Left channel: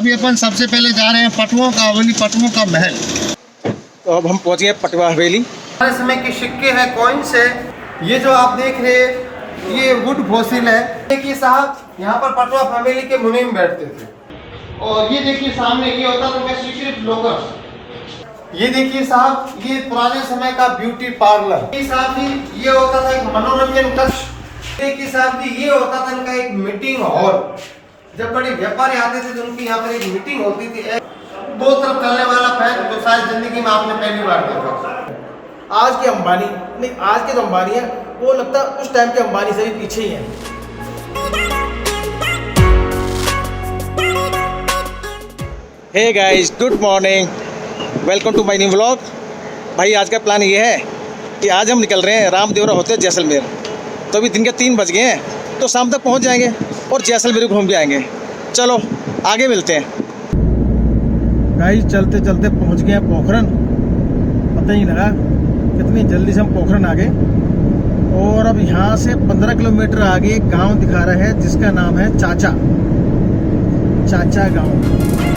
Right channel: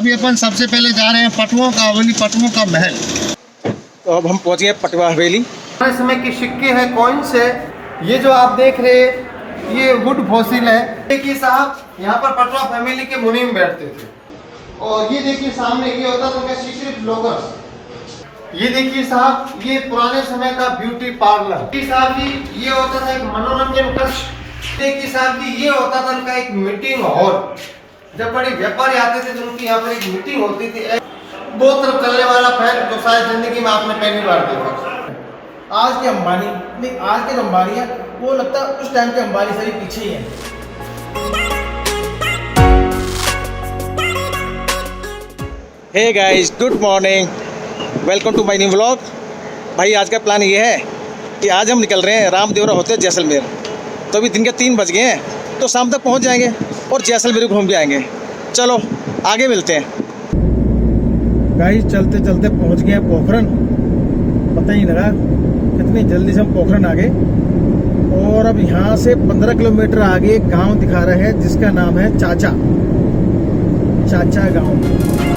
अभी अपन सबसे पहले जा रहे हैं पटुओं का हवेली, पटुओं का महल। तो अब हम पहुंच गए पटवा हवेली। हमारे समय के सिक्के हैं, कॉइन्स है। ये जो आप देख रहे हैं ये वुड फॉसिल है। देखिए साहब, यहाँ पर पटवा फैमिली के मुनीम बैठते थे। और ये देखिए सामने ये होता था सीक्रेट लॉकर। ये देखिए साहब, ये पुराने समय का ब्यूटी पार्लर। ये साहब जी, ये होता था एक मनोरंजन कक्ष। देखिए साहब जी, ये होता था इनका एक मीटिंग हॉल। जब बड़े व्यापारी आते थे तो उनकी यहाँ पर एक मीटिंग होती थी। दो तरफ चलने वाला फैन जो शायद जिंदगी में आपने पहली बार देखा। आज के अंबानी नहीं, आज के जो अंबानी है वो लगता है उस टाइम के अंबानी से भी पीछे ही है। Hey guys, good morning, welcome to my new vlog. भाई आज का प्लान ये है कि आज हम निकल रहे हैं रामदेवरा होते हैं जैसलमेर। तो अभी दिन के 3 बज गए हैं, तो शाम तक पहुंच जाएंगे और जैसलमेर घूम भी आएंगे। चलो आगे मिलते हैं। गाइस चलते चलते पहुंच गए हैं पोखरन। पता ही लगा कितनी जल्दी से हम पोखरन आ गए। और अब यहाँ से 15 किलोमीटर आगे एक गाँव दिखा रहे हैं जिसका नाम है चाचा गाँव।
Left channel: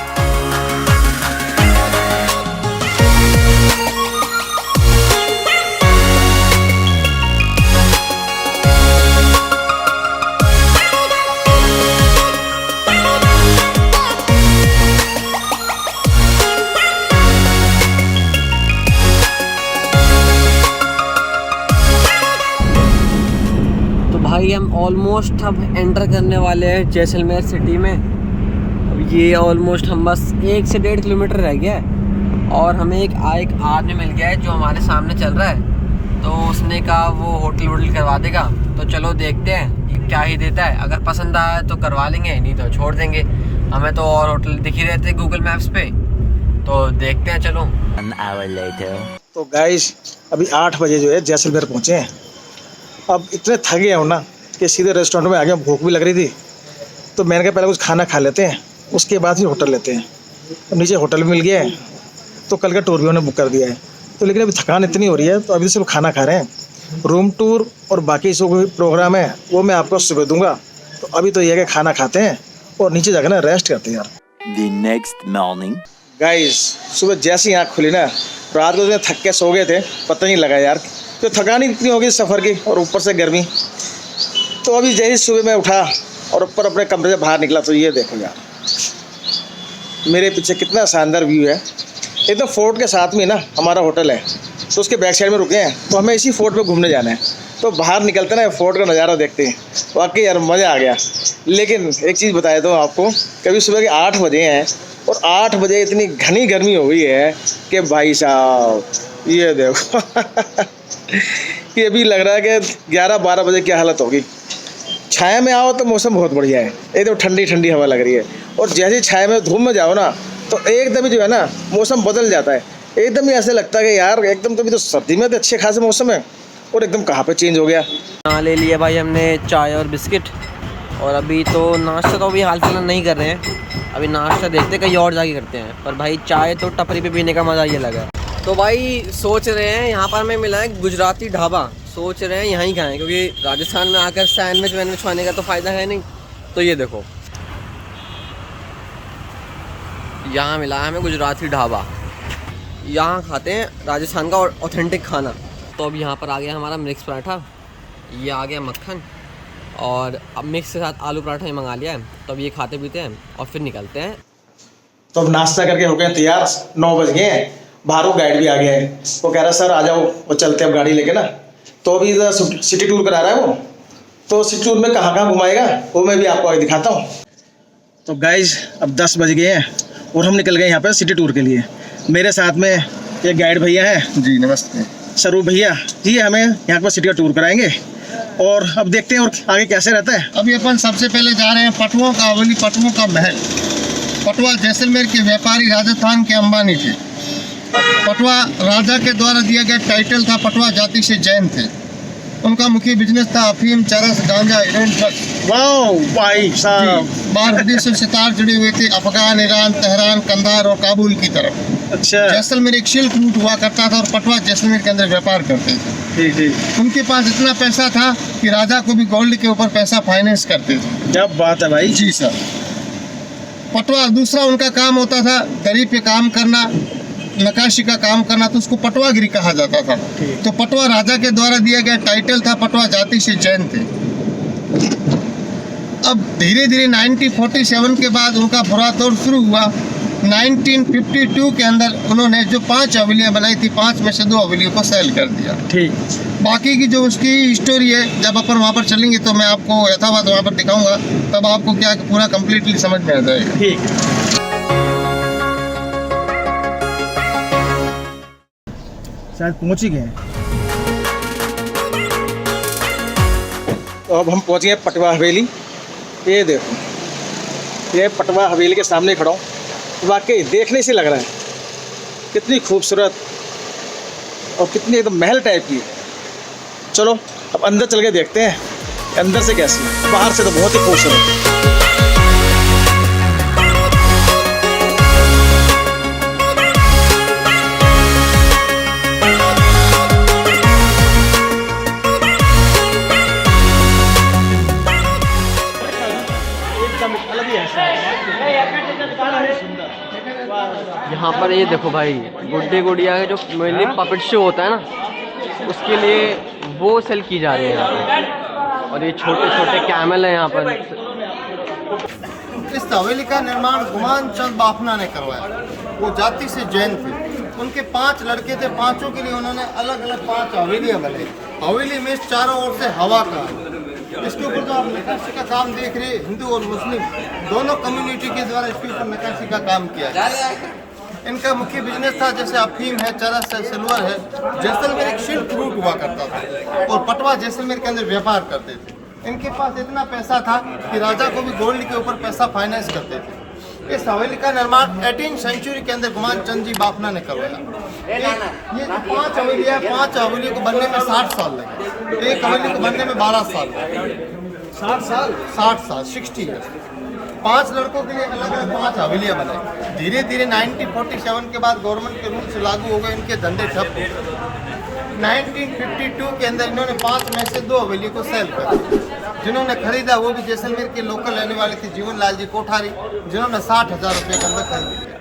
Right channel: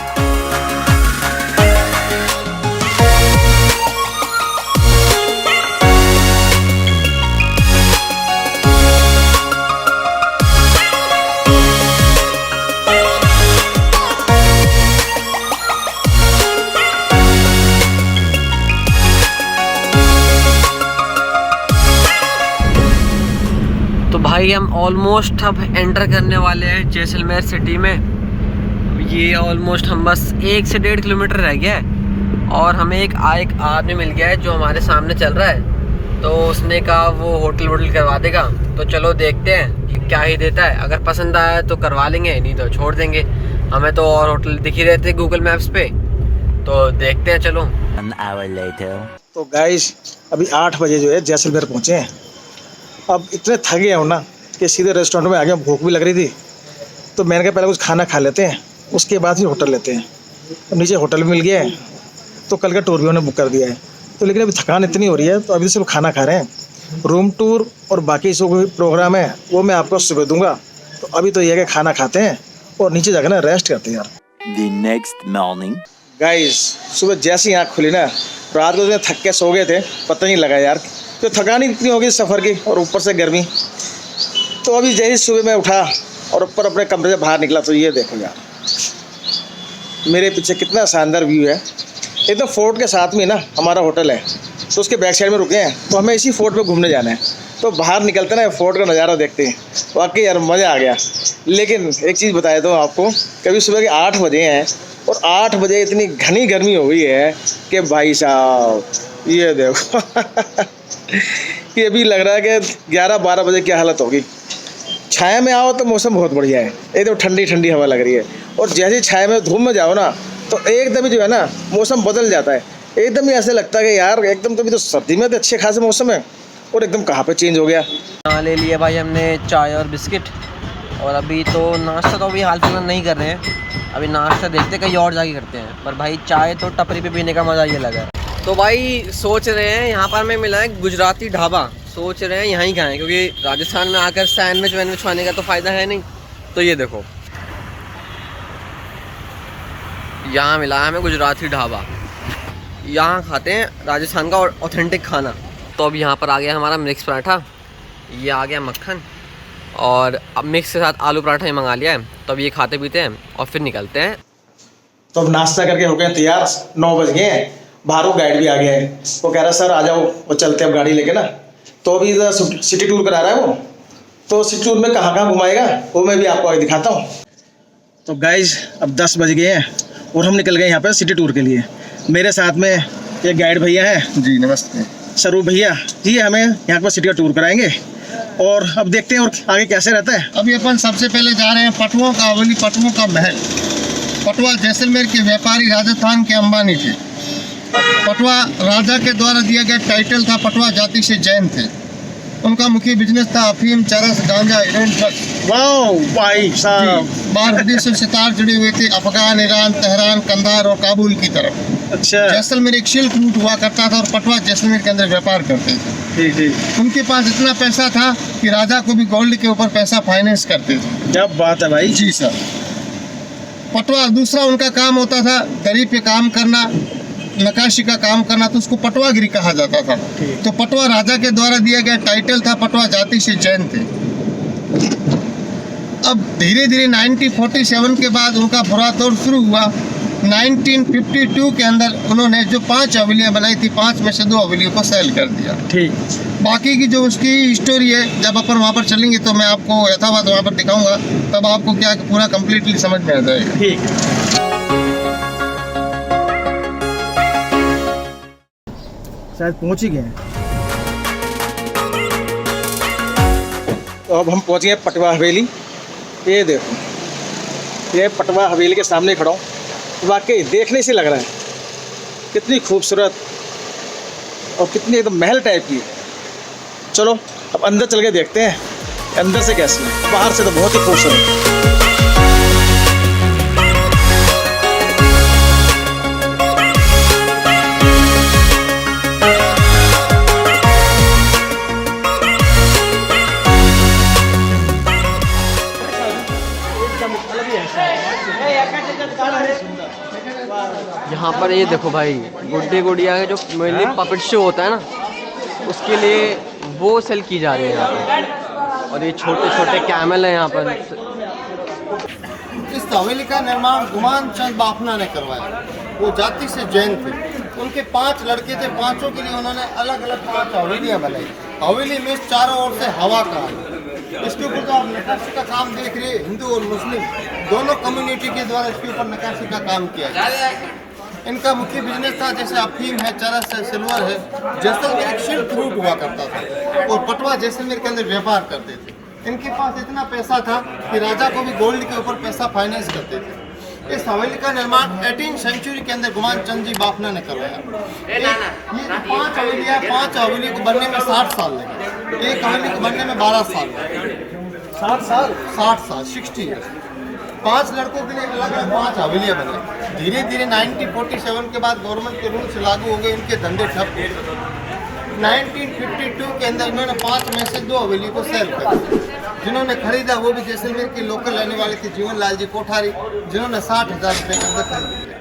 हम ऑलमोस्ट अब एंटर करने वाले हैं जैसलमेर सिटी में। अब ये ऑलमोस्ट हम बस 1 से 1.5 किलोमीटर रह गया है। और हमें एक आदमी मिल गया है जो हमारे सामने चल रहा है। तो उसने कहा वो होटल करवा देगा। तो चलो देखते हैं कि क्या ही देता है। अगर पसंद आया तो करवा लेंगे, नहीं तो छोड़ देंगे। हमें तो और होटल दिख ही रहते गूगल मैप्स पे, तो देखते हैं। चलो। तो गाइस अभी 8 बजे जो है जैसलमेर पहुँचे हैं। अब इतने थक गए हो ना कि सीधे रेस्टोरेंट में आ गए। भूख भी लग रही थी तो मैंने कहा पहले कुछ खाना खा लेते हैं, उसके बाद ही होटल लेते हैं। अब नीचे होटल भी मिल गया है, तो कल का टूर भी उन्होंने बुक कर दिया है। तो लेकिन अभी थकान इतनी हो रही है तो अभी सिर्फ खाना खा रहे हैं। रूम टूर और बाकी जो प्रोग्राम है वो मैं आपको सुबह दूंगा। तो अभी तो ये है कि खाना खाते हैं और नीचे जाकर ना रेस्ट करते हैं यार। The next morning. गाइस सुबह जैसे ही आँख खुली ना, रात को थक के सो गए थे, पता नहीं लगा यार। तो थकान ही इतनी होगी सफ़र की और ऊपर से गर्मी। तो अभी जैसे सुबह मैं उठा और ऊपर अपने कमरे से बाहर निकला तो ये देखो यार, मेरे पीछे कितना शानदार व्यू है। एकदम फोर्ट के साथ में ना हमारा होटल है, तो उसके बैक साइड में रुके हैं। तो हमें इसी फोर्ट पे घूमने जाना है। तो बाहर निकलते ना फोर्ट का नज़ारा देखते हैं, वाकई यार मज़ा आ गया। लेकिन एक चीज़ बता देता हूँ आपको, कभी सुबह के 8 बजे हैं और 8 बजे इतनी घनी गर्मी हो गई है कि भाई साहब ये देखो ये अभी लग रहा है कि 11-12 बजे क्या हालत होगी। छाया में आओ तो मौसम बहुत बढ़िया है, एकदम ठंडी ठंडी हवा लग रही है। और जैसे छाया में धूप में जाओ ना तो एकदम ही जो है ना मौसम बदल जाता है। एकदम ही ऐसे लगता है कि यार एकदम तो अभी तो सर्दी में तो अच्छे खासे मौसम है और एकदम कहाँ पे चेंज हो गया। हाँ, ले लिया भाई हमने चाय और बिस्किट। और अभी तो नाश्ता तो अभी हाल फिलहाल नहीं कर रहे हैं। अभी नाश्ता देखते कहीं और जाके करते हैं। पर भाई चाय तो टपरी पे पीने का मज़ा ये लगा। तो भाई सोच रहे हैं यहाँ पर हमें मिला है गुजराती ढाबा। सोच रहे हैं यहाँ ही खाएं, क्योंकि राजस्थान में आकर सैंडविच खाने का तो फ़ायदा है नहीं। तो ये देखो, यहाँ मिला है हमें गुजराती ढाबा। यहाँ खाते हैं राजस्थान का ऑथेंटिक खाना। तो अब यहाँ पर आ गया हमारा मिक्स पराठा, ये आ गया मक्खन, और अब मिक्स के साथ आलू पराठा ही मंगा लिया है। तो अब ये खाते पीते हैं और फिर निकलते हैं। तो अब नाश्ता करके हो गए तैयार, 9 बज गए हैं। बाहरों गाइड भी आ गया है, वो कह रहा है सर आ जाओ वो चलते हैं अब गाड़ी लेके ना। तो अभी सिटी टूर करा रहा है वो। तो सिटी टूर में कहाँ कहाँ घुमाएगा वो मैं भी आपको आगे दिखाता हूँ। तो गाइज अब 10 बज गए हैं और हम निकल गए यहाँ पर सिटी टूर के लिए। मेरे साथ में एक गाइड भैया हैं। जी नमस्ते। स्वरूप भैया जी हमें यहाँ पर सिटी का टूर कराएंगे और अब देखते हैं और आगे कैसे रहता है। अभी अपन सबसे पहले जा रहे हैं पटुओं का हवेली, पटुओं का महल। पटुआ जैसलमेर के व्यापारी राजस्थान के अंबानी थे। पटुआ राजा के द्वारा दिया गया टाइटल था। पटुआ जाति से जैन थे। उनका मुख्य बिजनेस था अफीम, चरस, गांजा, हेरोइन, ड्रग्स। वाओ भाई साहब, बाहर विदेशों से तार जुड़े हुए थे, अफगान, ईरान, तेहरान, कंधार और काबुल की तरफ। अच्छा। जैसलमेर एक सिल्क रूट हुआ करता था और पटुआ जैसलमेर के अंदर व्यापार करते थे। ठीक ठीक। उनके पास इतना पैसा था कि राजा को भी गोल्ड के ऊपर पैसा फाइनेंस करते थे। क्या बात है भाई। जी सर। पटवा दूसरा उनका काम होता था, दरी पे काम करना, नक्काशी का काम करना, तो उसको पटवागिरी कहा जाता था। तो पटवा राजा के द्वारा दिया गया टाइटल था, पटवा जाति से जैन थे। अब धीरे धीरे 1947 के बाद उनका बुरा दौर शुरू हुआ। 1952 के अंदर उन्होंने जो 5 हवेलियाँ बनाई थी, 5 में से 2 हवेलियों को सेल कर दिया। ठीक। बाकी की जो उसकी स्टोरी है, जब अपन वहाँ पर चलेंगे तो मैं आपको यथावत वहाँ पर दिखाऊंगा, तब आपको क्या पूरा कंप्लीटली समझ में आ जाएगा। ठीक। शायद पहुंच ही गए हैं। तो अब हम पहुंच गए पटवा हवेली। ये देखो, ये पटवा हवेली के सामने खड़ा हूँ। वाकई देखने से लग रहा है कितनी खूबसूरत और कितनी एकदम महल टाइप की। चलो अब अंदर चल के देखते हैं अंदर से कैसी है। बाहर से तो बहुत ही खूबसूरत। यहाँ पर ये देखो भाई, गुड्डे गुड़िया के जो मेनली पपेट शो होता है ना, उसके लिए वो सेल की जा रही है यहाँ पर। और ये छोटे छोटे कैमल है यहाँ पर। इस हवेली का निर्माण गुमान चंद बाफना ने करवाया। वो जाति से जैन थे। उनके 5 लड़के थे, 5 के लिए उन्होंने अलग अलग 5 हवेलियाँ बनाई। हवेली में चारों ओर से हवा का, इसके ऊपर जो आप नक्काशी का काम देख रहे हैं, हिंदू और मुस्लिम दोनों कम्युनिटी के द्वारा इसके ऊपर नक्काशी का काम किया है। इनका मुख्य बिजनेस था, जैसे अफीम है, चरस है, सिल्वर है। जैसलमेर एक सिल्क रूट हुआ करता था और पटवा जैसलमेर के अंदर व्यापार करते थे। इनके पास इतना पैसा था कि राजा को भी गोल्ड के ऊपर पैसा फाइनेंस करते थे। इस हवेली का निर्माण 18वीं सेंचुरी के अंदर गुमान चंद जी बाफना ने करवाया। ये जो 5 हवेलियाँ, 5 हवेलियों को बनने में 60 साल लगे। एक हवेली को बनने में 12 साल लगे। 60 साल 60 ईयर्स। 5 लड़कों के लिए अलग अलग 5 हवेलियाँ बनाई। धीरे धीरे 1947 के बाद गवर्नमेंट के रूल्स लागू हो गए, इनके धंधे ठप हो गए। 1952 के अंदर इन्होंने 5 में से 2 हवेली को सेल कर दिया। जिन्होंने खरीदा वो भी जैसलमेर के लोकल रहने वाले थे, जीवन लाल जी कोठारी, जिन्होंने 60,000 रुपये के अंदर खरीद लिया।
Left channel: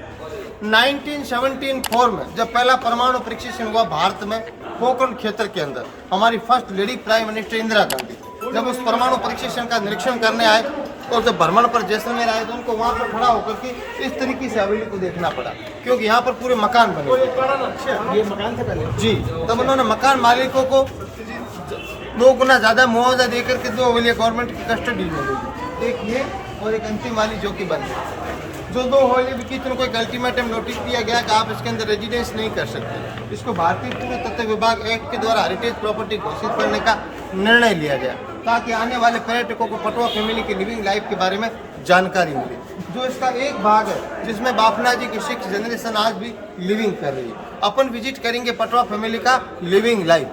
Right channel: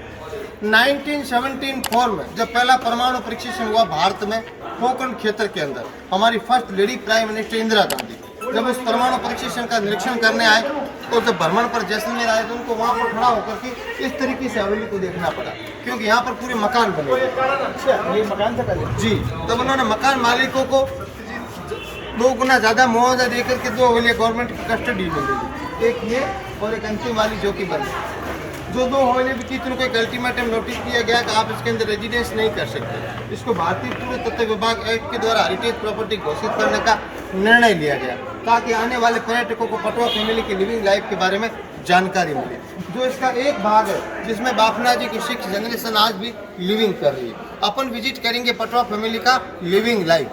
1974 में जब पहला परमाणु परीक्षण हुआ भारत में, पोखरण क्षेत्र के अंदर, हमारी first lady prime minister Indira Gandhi जब इस परमाणु परीक्षण का निरीक्षण करने आए, तो जब भ्रमण पर जैसलमेर आए तो उनको वहाँ पर खड़ा होकर के इस तरीके से हवेली को देखना पड़ा, क्योंकि यहाँ पर पूरे मकान बने हुए थे। ये मकान था पहले जी। तब उन्होंने मकान मालिकों को 2 गुना ज़्यादा मुआवजा देकर के 2 हवेलियाँ गवर्नमेंट की कस्टडी में ले ली। एक ये और एक अंतिम वाली जो कि बंद। जो 2 हवेलियाँ बिकी थी उनको एक अल्टीमेटम नोटिस दिया गया कि आप इसके अंदर रेजिडेंस नहीं कर सकते। इसको भारतीय पुरातत्व विभाग एक्ट के द्वारा हेरिटेज प्रॉपर्टी घोषित करने का निर्णय लिया गया, ताकि आने वाले पर्यटकों को पटवा फैमिली की लिविंग लाइफ के बारे में जानकारी मिले। जो इसका एक भाग है जिसमें बाफना जी की 6 जनरेशन आज भी लिविंग कर रही है। अपन विजिट करेंगे पटवा फैमिली का लिविंग लाइफ।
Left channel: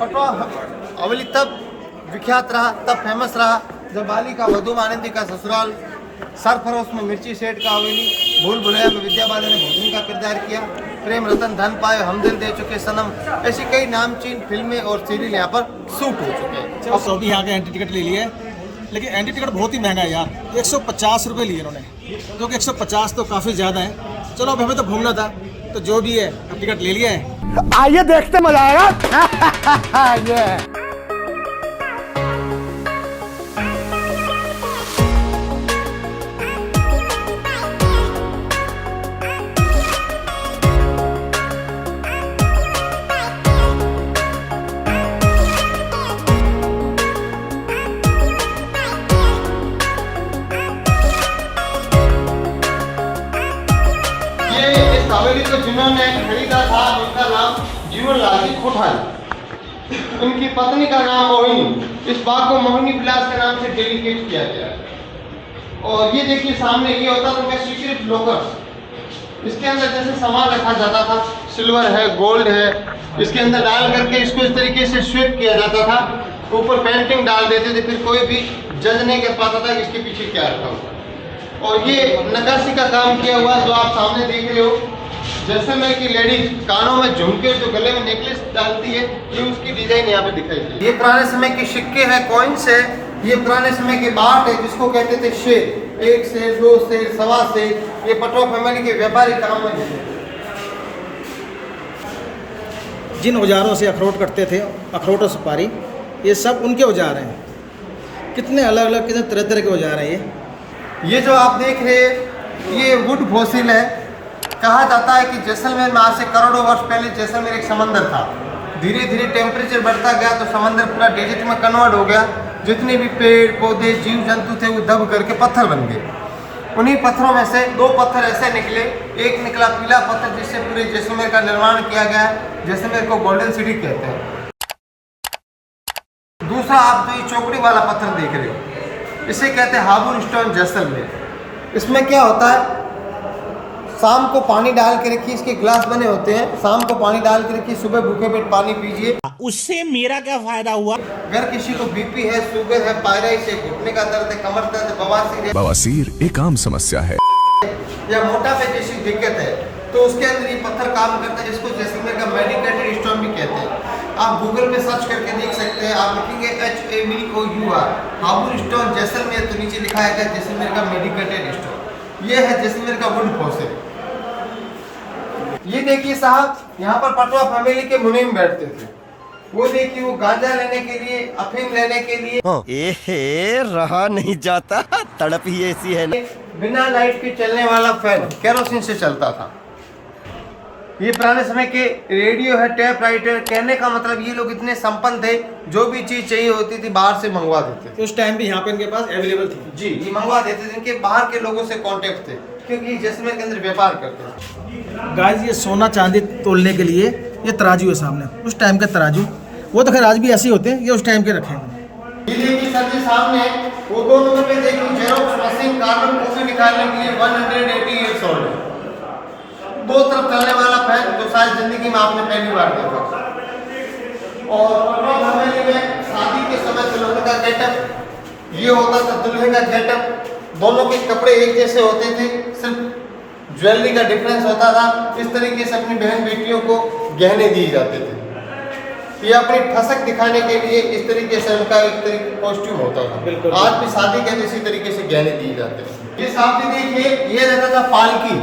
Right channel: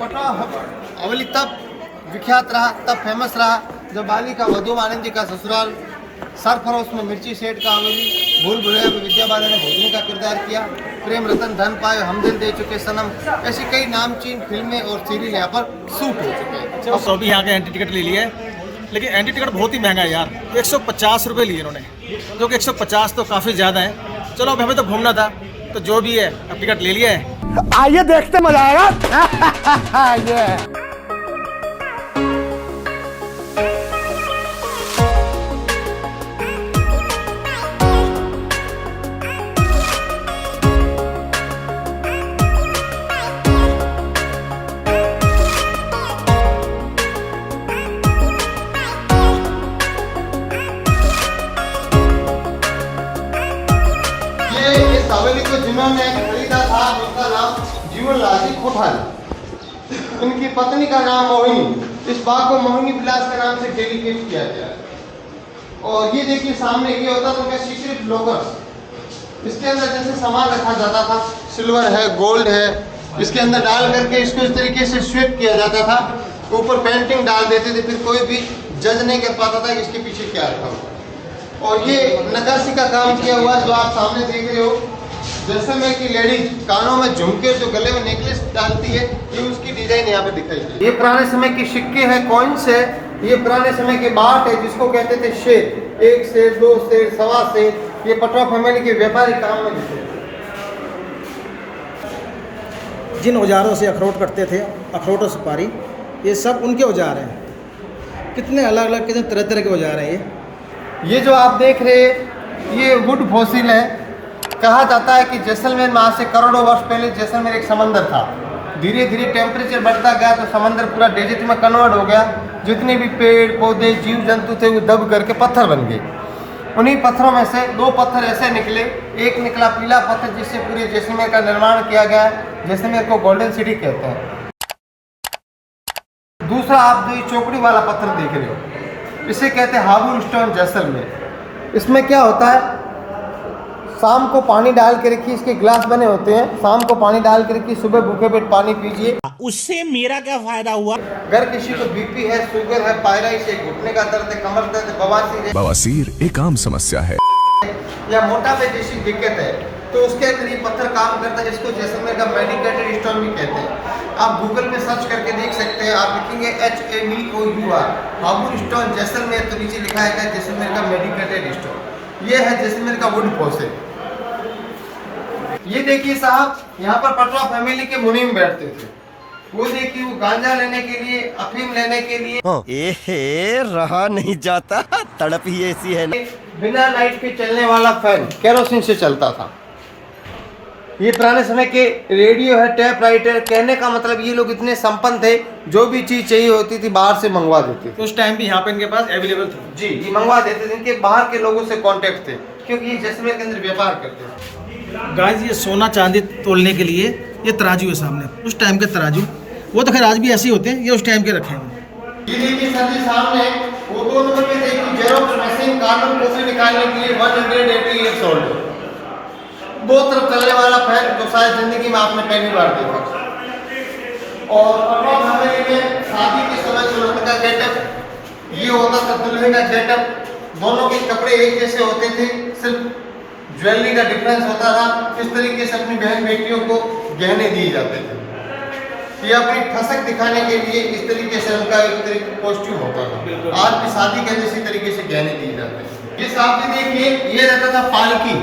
पटवा हवेली तब विख्यात रहा, तब फेमस रहा, जब बाली का वधू आनंदी का ससुराल, सरफरोश में मिर्ची सेठ का हवेली, भूल भुलैया में विद्या बालन ने भोजनी का किरदार किया, प्रेम रतन धन पाए, हम दिल दे चुके सनम, ऐसी कई नामचीन फिल्में और सीरियल यहाँ पर शूट हो चुके हैं। और सभी यहाँ के एंट्री टिकट ले लिए, लेकिन एंट्री टिकट बहुत ही महंगा है यार। 150 रुपये लिए इन्होंने, जो कि 150 तो काफ़ी ज़्यादा है। चलो अब हमें तो घूमना था, तो जो भी है अब टिकट ले लिया है। आइए देखते मजा आएगा। ये हवेली को जिन्होंने खरीदा था उनका नाम जीवन लाल जी कोठारी, उनकी पत्नी का नाम मोहिनी। इस बाग को मोहिनी विलास के नाम से डेडिकेट किया गया है। और ये देखिए सामने ये होता था उनका सीक्रेट लॉकर। इसके अंदर जैसे सामान रखा जाता था, सिल्वर है, गोल्ड है, इसके अंदर डाल करके इसको इस तरीके से स्वीप किया जाता था। ऊपर पेंटिंग डाल देते थे, फिर कोई भी जज नहीं कर पाता था कि इसके पीछे क्या रखा हुआ। और ये नक्काशी का काम किया हुआ जो आप सामने देख रहे हो, जैसलमेर की लेडीज कानों में झुमके जो गले में नेकलेस डालती है, ये उसकी डिजाइन यहाँ पे दिखाई है। ये पुराने समय के सिक्के हैं, कॉइन्स है, ये पुराने समय की बाट है जिसको कहते थे शेर। 1 शेर, 2 शेर, सवा शेर, ये पटवा फैमिली के व्यापारी काम में लेते थे। जिन औजारों से अखरोट कटते थे, अखरोट और सुपारी, ये सब उनके औजार हैं। कितने अलग अलग, कितने तरह तरह के औजार हैं ये जो आप देख रहे हैं ये वुड फॉसिल है। कहा जाता है कि जैसलमेर में आज से करोड़ों वर्ष पहले जैसलमेर एक समंदर था। धीरे धीरे टेम्परेचर बढ़ता गया तो समंदर पूरा डेजर्ट में कन्वर्ट हो गया। जितने भी पेड़ पौधे जीव जंतु थे वो दब करके पत्थर बन गए। उन्हीं पत्थरों में से 2 पत्थर ऐसे निकले। एक निकला पीला पत्थर जिससे पूरे जैसलमेर का निर्माण किया गया है। जैसलमेर को गोल्डन सिटी कहते हैं। दूसरा आप जो ये चौकड़ी वाला पत्थर देख रहे हैं इसे कहते हैं हाबुर स्टोन जैसलमेर। इसमें क्या होता है, शाम को पानी डाल के रखिए, इसके ग्लास बने होते हैं। शाम को पानी डाल के रखिए, सुबह भूखे पेट पानी पीजिए। उससे मेरा क्या फायदा हुआ? अगर किसी को बीपी है, शुगर है, पायराइटिस है, घुटने का दर्द है, कमर दर्द है, बवासीर है, बवासीर एक आम समस्या है, या मोटापे जैसी दिक्कत है तो उसके अंदर ये पत्थर काम करता है, जिसको जैसलमेर का मेडिकेटेड स्टोन भी कहते हैं। आप गूगल पे सर्च करके देख सकते हैं। आप लिखेंगे HABOUR हाबुर स्टोन जैसलमेर तो नीचे लिखा है जैसलमेर का मेडिकेटेड स्टोन। ये है जैसलमेर का वुड फॉसिल। ये देखिए साहब, यहाँ पर पटवा फैमिली के मुनीम बैठते थे। वो देखिए वो गांजा लेने के लिए, अफीम लेने के लिए। एहे, रहा नहीं जाता, तड़प ही ऐसी है ना। बिना लाइट के चलने वाला फैन केरोसिन से चलता था। ये पुराने समय के रेडियो है, टेप राइटर। कहने का मतलब ये लोग इतने संपन्न थे, जो भी चीज चाहिए होती थी बाहर से मंगवा देते थे। तो उस टाइम भी यहाँ पे इनके पास अवेलेबल थे। जी, ये मंगवा देते थे। इनके बाहर के लोगों से कांटेक्ट थे क्योंकि ये जैसलमेर के अंदर व्यापार करते थे। गाइस, ये सोना चांदी तोलने के लिए ये तराजू है सामने, उस टाइम के तराजू। वो तो खैर आज भी ऐसे ही होते हैं, ये उस टाइम के रखे हैं। ये देखिए सर जी सामने वो 2 नंबर पे देखिए जेरोक्स मशीन, कार्बन कॉपी निकालने के लिए 188 सोल्ड। 2 तरफ चलने वाला फैन जो शायद जिंदगी में आपने पहली बार देखा। और पटवा फैमिली में शादी के समय दुल्हन का गेटअप ये होता था, दुल्हन का गेटअप। दोनों के कपड़े एक जैसे होते थे, सिर्फ ज्वेलरी का डिफरेंस होता था। इस तरीके से अपनी बहन बेटियों को गहने दिए जाते थे। ये अपनी ठसक दिखाने के लिए इस तरीके से उनका एक कॉस्ट्यूम होता था। आज भी शादी के अंदर इसी तरीके से गहने दिए जाते हैं। ये साथ ही देखिए, ये रहता था पालकी,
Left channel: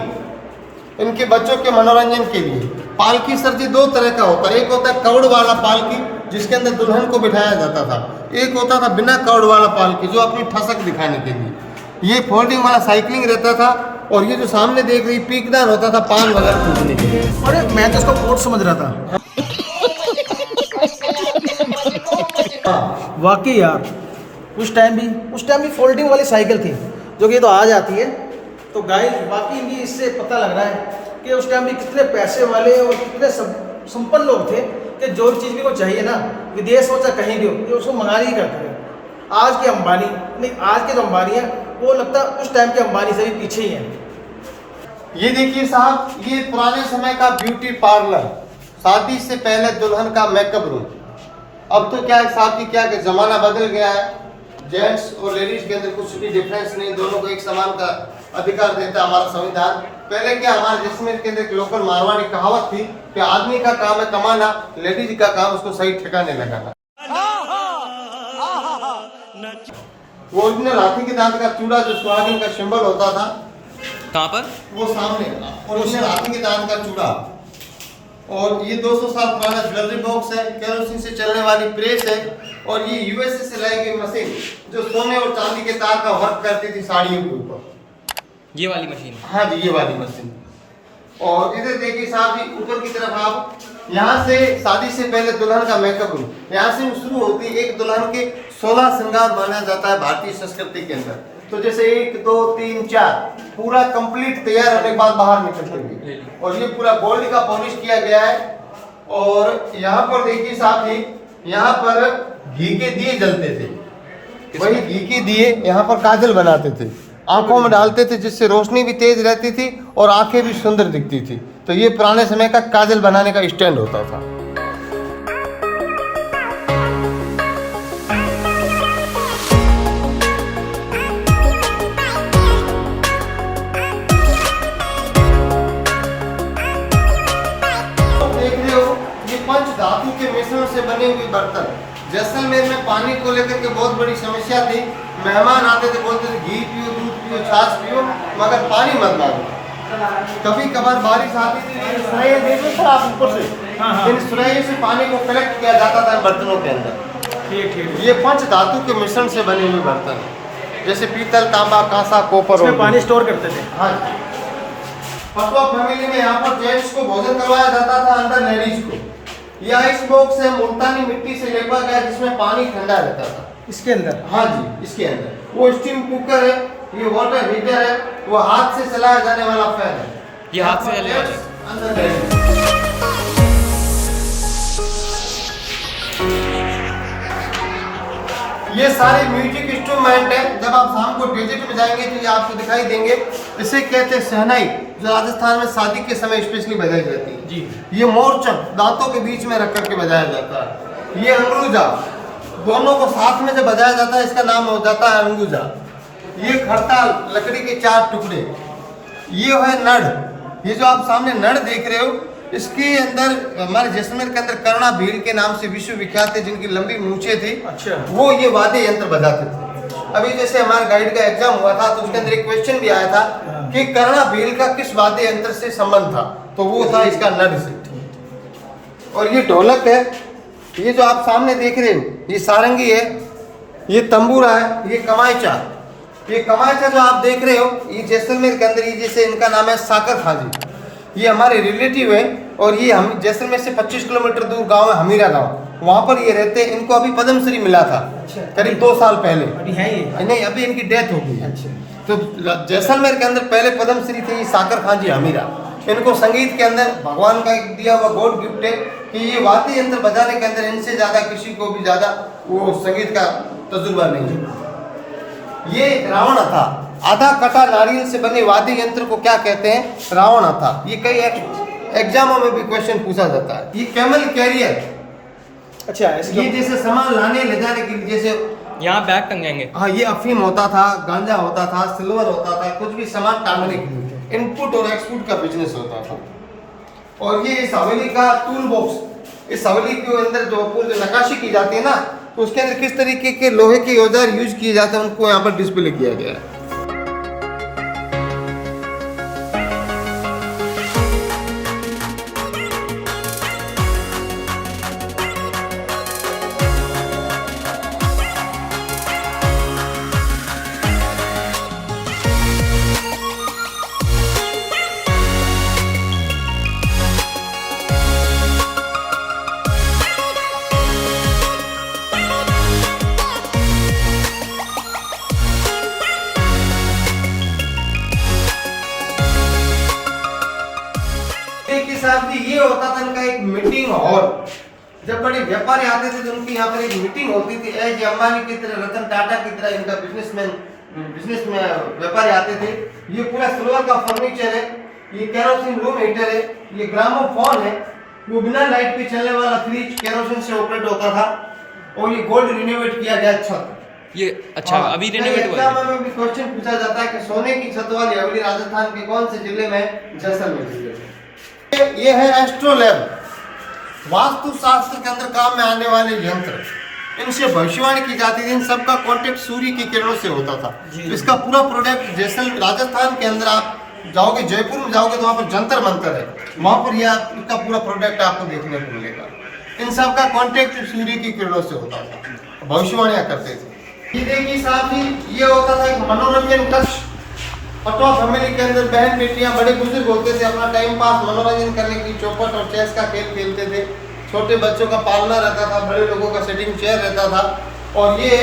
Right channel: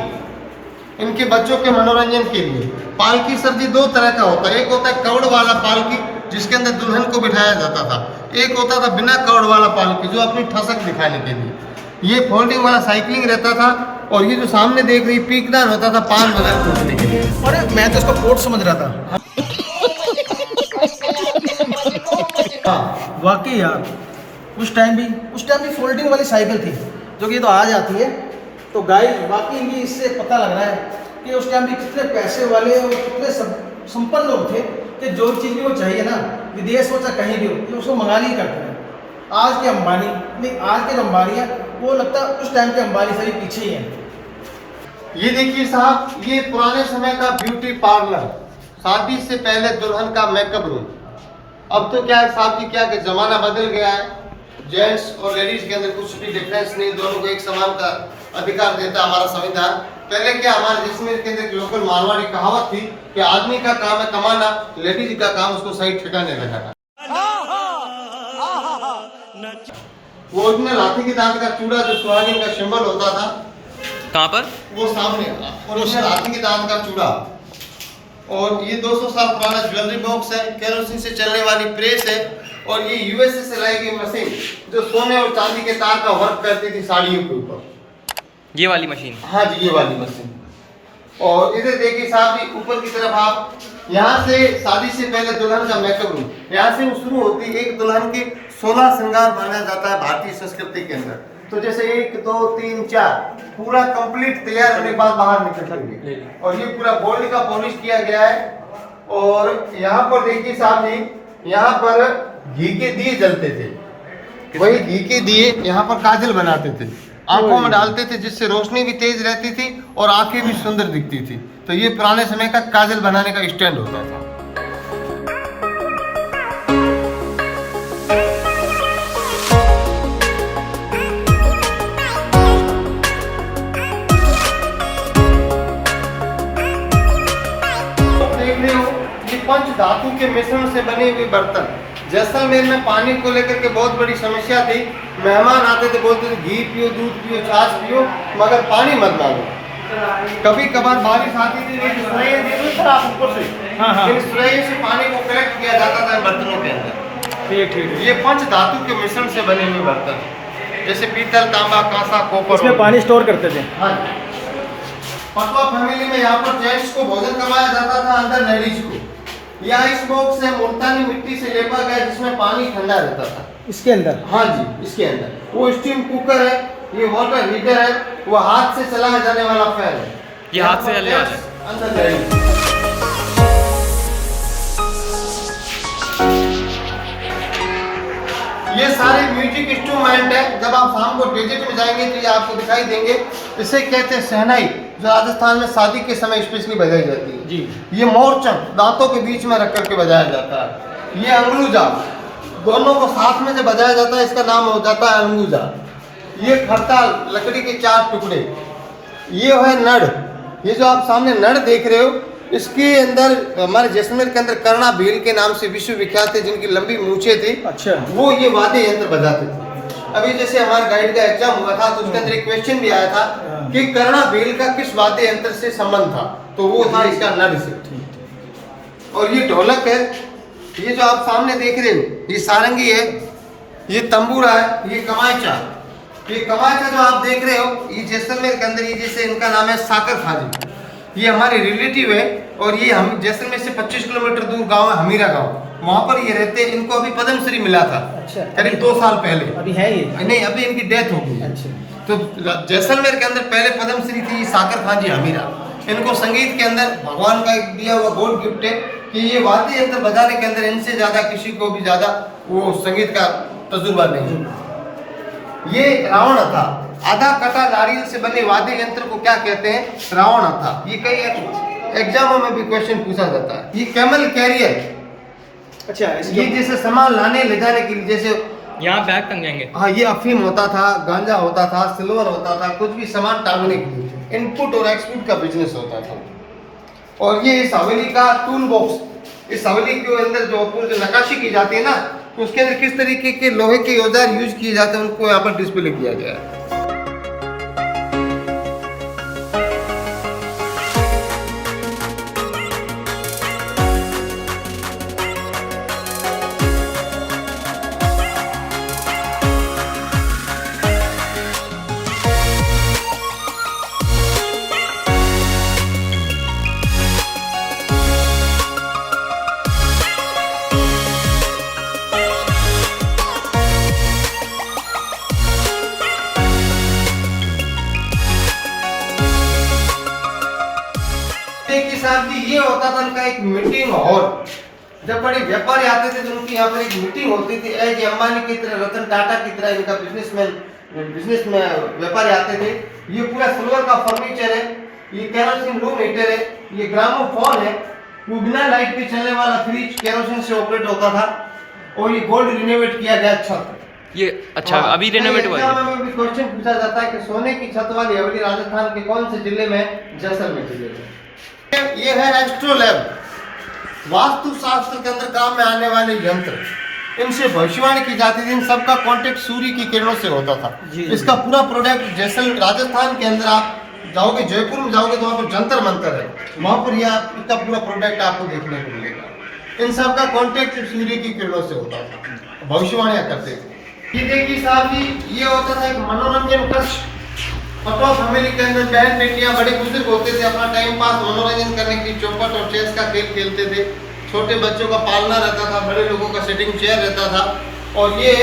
इनके बच्चों के मनोरंजन के लिए। पालकी सर जी 2 तरह का होता है। एक होता है कवड़ वाला पालकी जिसके अंदर दुल्हन को बिठाया जाता था। एक होता था बिना कवड़ वाला पालकी जो अपनी ठसक दिखाने के लिए। ये फोल्डिंग वाला साइकिलिंग रहता था। और ये जो सामने देख रही पीकदान होता था पान वगैरह टूटने के लिए। अरे मैं तो इसको कोट समझ रहा था। हाँ, वाकई यार, उस टाइम भी फोल्डिंग वाली साइकिल थी जो कि तो आज आती है। तो गाइस, वाकई ये इससे पता लग रहा है कि उस टाइम भी कितने पैसे वाले और कितने संपन्न लोग थे कि जो चीज़ भी वो चाहिए ना, विदेश हो चाहे कहीं भी हो, ये उसको मंगाने ही करते हैं। आज के अंबानी नहीं, आज के जो अंबानी है वो लगता है उस टाइम के अंबानी से भी पीछे ही हैं। ये देखिए साहब, ये पुराने समय का ब्यूटी पार्लर, शादी से पहले दुल्हन का मेकअप रूम। अब तो क्या है साहब की क्या कि जमाना बदल गया है। जेंट्स और लेडीज के अंदर कुछ भी डिफरेंस नहीं, दोनों को एक समान का अधिकार देता हमारा संविधान। पहले क्या हमारे जैसलमेर के अंदर एक लोकल मारवाड़ी कहावत थी कि आदमी का काम है कमाना, लेडीज का काम उसको सही ठिकाने लगाना। वो ओरिजिनल हाथी के दांत का चूड़ा जो सुहागिन का सिंबल होता था, कहाँ पर? वो सामने ओरिजिनल हाथी के दांत का चूड़ा। और ये 200 साल पुराना ज्वेलरी बॉक्स है, केरोसिन से चलने वाली प्रेस है। और ये यूएसए से लाई गई मशीन जो सोने और चांदी के तार का वर्क करती थी साड़ियों के ऊपर। ये वाली मशीन? हाँ जी, ये वाली मशीन। और इधर देखिए साहब जी, ऊपर की तरफ आप यहाँ से शादी से पहले दुल्हन का मेकअप रूम, यहाँ से शुरू होती है। एक दुल्हन के 16 श्रृंगार माना जाता है भारतीय संस्कृति के अंदर। तो जैसे 1 2 3 4 पूरा कंप्लीट तैयार होने के बाद बाहर निकलेंगे। और ये पूरा गोल्ड का पॉलिश किया गया है। और यहाँ पर देखिए साहब जी, यहाँ पर घी के दिए जलते थे। वही घी के दिए यहाँ पर काजल बनाते थे, आंखों में डालते थे, जिससे रोशनी भी तेज रहती थी और आंखें भी सुंदर दिखती थी। तो ये पुराने समय का काजल बनाने का स्टैंड होता था। देख रहे हो, ये पंच धातु के मिश्रण से बने हुए बर्तन जैसलमेर में पानी को लेकर के बहुत बड़ी समस्या थी। मेहमान आते थे, बोलते थे घी पियो, दूध पियो, छाछ पियो, मगर पानी मत डालो। कभी कभार बारिश आती थी, ये सुराही देख लो आप ऊपर से, इन सुराही से पानी को कलेक्ट किया जाता था बर्तनों के अंदर। ये पंच धातु के मिश्रण से बने हुए बर्तन, जैसे पीतल, तांबा, कांसा, कोपर, इसमें पानी स्टोर करते थे। हाँ, पटवा फैमिली में यहाँ पर जेंट्स को भोजन करवाया जाता था, अंदर लेडीज को। यह आइस बॉक्स है, मुल्तानी मिट्टी से लेपा गया, जिसमें पानी ठंडा रहता था इसके अंदर। हाँ जी, इसके अंदर। वो स्टीम कुकर है, ये वाटर हीटर है, वो हाथ से चलाया जाने वाला फैन है। ये हाथ से चलने वाला है। अंदर जाएंगे। ये सारे म्यूजिक इंस्ट्रूमेंट है, जब आप शाम को डेजर्ट में जाएंगे तो ये आपको दिखाई देंगे। इसे कहते हैं शहनाई, जो राजस्थान में शादी के समय स्पेशली बजाई जाती है जी। ये मोरचंग दांतों के बीच में रख करके बजाया जाता है। ये अंगलूजा, दोनों को साथ में जब बजाया जाता है, इसका नाम हो जाता है अंगूजा। ये खड़ताल, लकड़ी के 4 टुकड़े। ये है नड़, ये जो आप सामने नड़ देख रहे हो, इसके अंदर हमारे जैसलमेर के अंदर कर्णा भील के नाम से विश्व विख्यात थे, जिनकी लंबी मूछें थी। अच्छा। वो ये वाद्य यंत्र बजाते थे। अभी जैसे हमारे गाइड का एग्जाम हुआ था, तो उसके अंदर एक क्वेश्चन भी आया था कि कर्णा भील का किस वाद्य यंत्र से संबंध था, तो वो था इसका नड़ से। और ये ढोलक है, ये जो आप सामने देख रहे हो, ये सारंगी है, ये तंबूरा है, ये कमायचा। ये कमायचा जो आप देख रहे हो, ये जैसलमेर के अंदर, ये जैसे इनका नाम है साकर खाजी, ये हमारे रिलेटिव है। और ये हम जैसलमेर से 25 किलोमीटर दूर गांव है हमीरा गांव, वहाँ पर ये रहते हैं। इनको अभी पद्मश्री मिला था करीब 2 साल पहले। अभी है ये? नहीं, अभी इनकी डेथ हो गई। अच्छा। तो जैसलमेर के अंदर पहले पद्मश्री थी साकर खान जी हमीरा। इनको संगीत के अंदर भगवान का दिया हुआ गॉड गिफ्ट है कि ये वाद्य यंत्र बजाने के अंदर इनसे ज्यादा किसी को भी ज्यादा वो संगीत का तजुर्बा नहीं है। ये रावण था, आधा कटा नारियल से बने वाद्य यंत्र को क्या कहते हैं? रावण था। ये कई एग्जामों में भी क्वेश्चन पूछा जाता है। ये कैमल कैरियर, अच्छा, ये जैसे सामान लाने ले जाने के लिए, जैसे यहाँ बैग टंगेंगे। हाँ, ये अफीम होता था, गांजा होता था, सिल्वर होता था, कुछ भी सामान टांगने के लिए इनपुट और एक्सपोर्ट का बिजनेस होता था। और ये इस हवेली का टूल बॉक्स, इस हवेली के अंदर जो नक्काशी की जाती है ना, उसके अंदर किस तरीके के लोहे के औजार यूज किए जाते हैं, उनको यहाँ पर डिस्प्ले किया गया है। ये होता था इनका एक मीटिंग हॉल। जब बड़े व्यापारी आते थे तो उनकी यहाँ पर एक मीटिंग होती थी। एज अंबानी की तरह, रतन टाटा की तरह इनका बिजनेस में व्यापारी आते थे। ये पूरा सिल्वर का फर्नीचर है, ये केरोसिन रूम हीटर है, ये ग्रामोफोन है, वो बिना लाइट के चलने वाला फ्रिज केरोसिन से ऑपरेट होता था। और ये गोल्ड रिनोवेट किया गया छत। ये अच्छा अभी रिनोवेट हुआ है। में भी क्वेश्चन पूछा जाता है कि सोने की छत वाली हवेली राजस्थान के कौन से जिले में? जैसलमेर जिले में। ये है एस्ट्रोलैब, वास्तु शास्त्र के अंदर काम में आने वाले यंत्र। इनसे भविष्यवाणी की जाती थी। इन सबका कांटेक्ट सूर्य की किरणों से होता था। इसका पूरा प्रोडक्ट जैसलमेर राजस्थान के अंदर आप जाओगे, जयपुर में जाओगे तो वहाँ पर जंतर मंतर है, वहाँ पर यह इसका पूरा प्रोडक्ट आपको देखने को मिलेगा। इन सब का कांटेक्ट सूर्य की किरणों से होता था, भविष्यवाणियाँ करते थे। ये देखिए साहब जी, ये होता था एक मनोरंजन कक्ष। पटवा फैमिली के अंदर बहन बेटियां बड़े बुजुर्ग होते थे, अपना टाइम पास मनोरंजन करने के लिए चौपट और चेस का खेल खेलते थे। छोटे बच्चों का पालना रहता था, बड़े लोगों का सेटिंग चेयर रहता था। और ये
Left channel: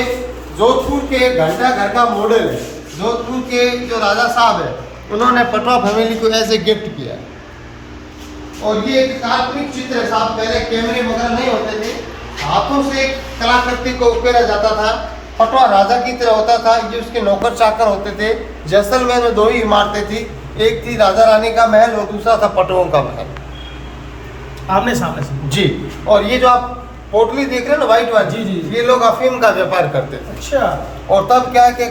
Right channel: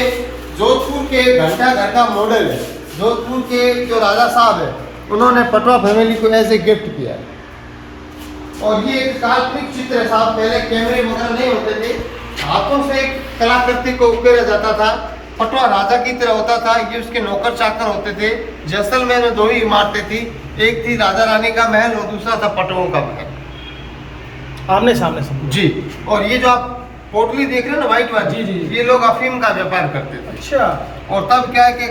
जोधपुर के घंटा घर का मॉडल है। जोधपुर के जो राजा साहब है, उन्होंने पटवा फैमिली को ऐसे गिफ्ट किया है। और ये एक काल्पनिक चित्र है साहब, पहले कैमरे वगैरह नहीं होते थे, हाथों से एक कलाकृति को उकेरा जाता था। पटवा राजा की तरह होता था, ये उसके नौकर चाकर होते थे। जैसलमेर में 2 ही इमारतें थी, एक थी राजा रानी का महल और दूसरा था पटवों का महल, आमने सामने जी। और ये जो आप पोटली देख रहे हैं ना व्हाइट वाली, जी, ये लोग अफीम का व्यापार करते थे। अच्छा। और तब क्या है कि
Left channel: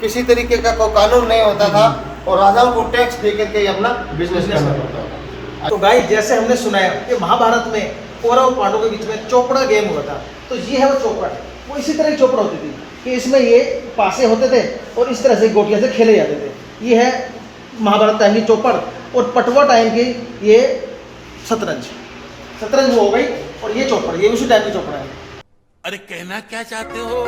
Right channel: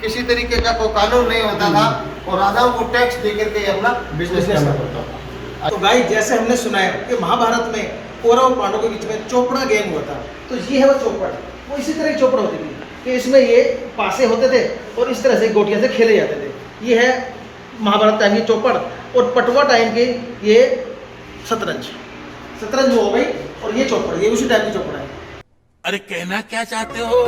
किसी तरीके का कोई कानून नहीं होता था और राजाओं को टैक्स दे करके अपना बिजनेस करना पड़ता था। तो गाइस, जैसे हमने सुना है कि महाभारत में कौरव और पांडवों के बीच में चोपड़ा गैंग हुआ था। तो ये है वो चौपड़, वो इसी तरह की चोपड़ा होती थी कि इसमें ये पासे होते थे और इस तरह से गोटियां से खेले जाते थे। ये है महाभारत टाइम की चौपड़। और पटवा टाइम की ये शतरंज वो हो गई, और ये चौपड़, ये उसी टाइम की चौपड़ है। अरे कहना क्या चाहते हो?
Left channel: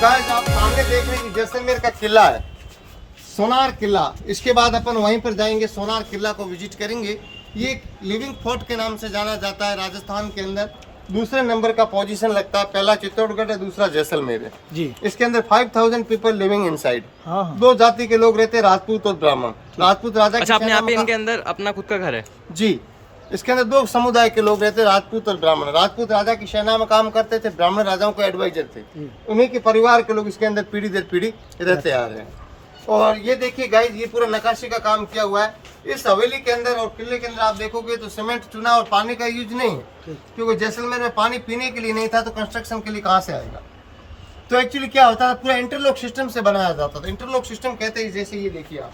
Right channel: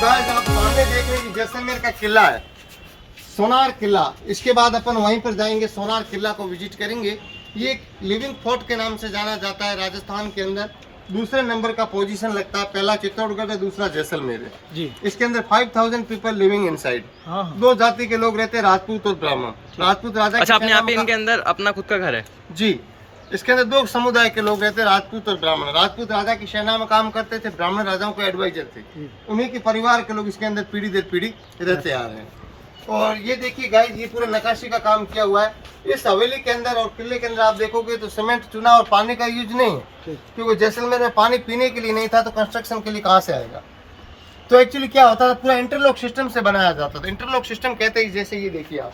गाइस आप सामने देख रहे हैं जैसलमेर का किला है, सोनार किला। इसके बाद अपन वहीं पर जाएंगे, सोनार किला को विजिट करेंगे। ये एक लिविंग फोर्ट के नाम से जाना जाता है राजस्थान के अंदर। दूसरे नंबर का पोजीशन लगता है, पहला चित्तौड़गढ़ है, दूसरा जैसलमेर है जी। इसके अंदर 5000 पीपल लिविंग इनसाइड। दो जाति के लोग रहते हैं, राजपूत और ब्राह्मण। राजपूत राजा, अच्छा, अपने यहाँ पे इनके अंदर अपना खुद का घर है जी। इसके अंदर दो समुदाय के लोग रहते हैं, राजपूत और ब्राह्मण। राजपूत राजा की सेना में काम करते थे, ब्राह्मण राजाओं के एडवाइजर थे। उन्हीं के परिवार के लोग इसके अंदर पीढ़ी दर पीढ़ी रहते आ रहे हैं। और ये देखिए गाइस, ये पूरा नक्काशी का काम किया हुआ है। इस हवेली के अंदर और किले के अंदर आप देखोगे तो सीमेंट, चूना और पानी का यूज नहीं है, क्योंकि जैसलमेर में पानी पीने के लिए नहीं था, तो कंस्ट्रक्शन के लिए कहाँ से आएगा। तो एक्चुअली क्या होता था, पूरा इंटरलॉक सिस्टम से बनाया जाता था। इंटरलॉक सिस्टम कहते हैं, जैसे ये देखिए आप,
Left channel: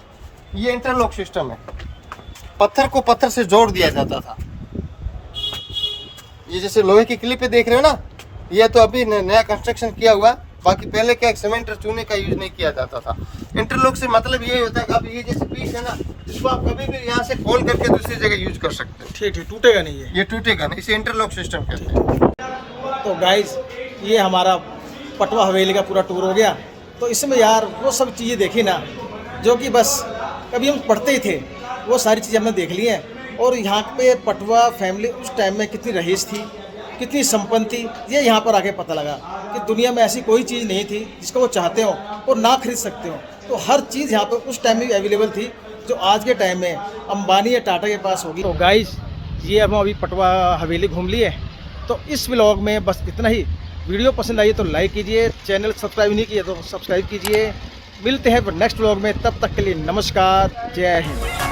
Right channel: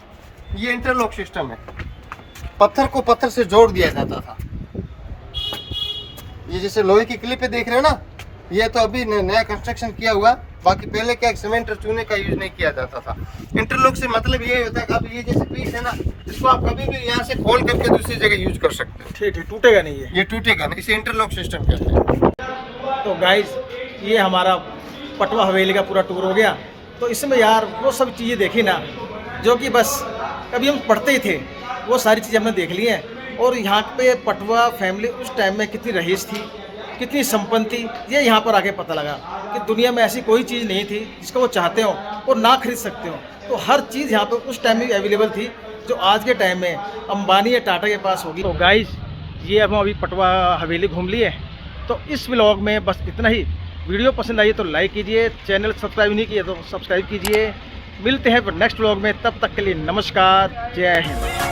ये इंटरलॉक सिस्टम है। पत्थर को पत्थर से जोड़ दिया जाता था। ये जैसे लोहे की क्लिप पे देख रहे हो ना, ये तो अभी नया कंस्ट्रक्शन किया हुआ। बाकी पहले क्या सीमेंट और चूने का यूज नहीं किया जाता था। इंटरलॉक से मतलब ये होता है कि अब ये जैसे पीस है ना, इसको आप कभी भी यहाँ से खोल करके दूसरी जगह यूज कर सकते हैं। ठीक, टूटेगा नहीं ये टूटेगा नहीं, इसे इंटरलॉक सिस्टम कहते हैं। तो गाइस, ये हमारा पटवा हवेली का पूरा टूर हो गया। तो इसमें यार वो सब चीज़ें देखी ना जो कि बस कभी हम पढ़ते ही थे, वो सारी चीज़ें हमने देख ली हैं। और यहाँ पे पटवा फैमिली उस टाइम में कितनी रईस थी, कितनी संपन्न थी, ये यहाँ पर आके पता लगा कि दुनिया में ऐसी कोई चीज़ नहीं थी जिसको वो चाहते हो और ना खरीद सकते हो। तो हर चीज़ यहाँ पे उस टाइम में अवेलेबल थी, जो आज के टाइम में अंबानी या टाटा के पास होगी। तो गाइस, ये अब हम अभी पटवा हवेली घूम लिए। तो इस व्लॉग में बस इतना ही। वीडियो पसंद आई तो लाइक कीजिए, चैनल सब्सक्राइब नहीं किया तो सब्सक्राइब कीजिए। मिलते हैं नेक्स्ट व्लॉग में, तब तक के लिए नमस्कार, जय हिंद।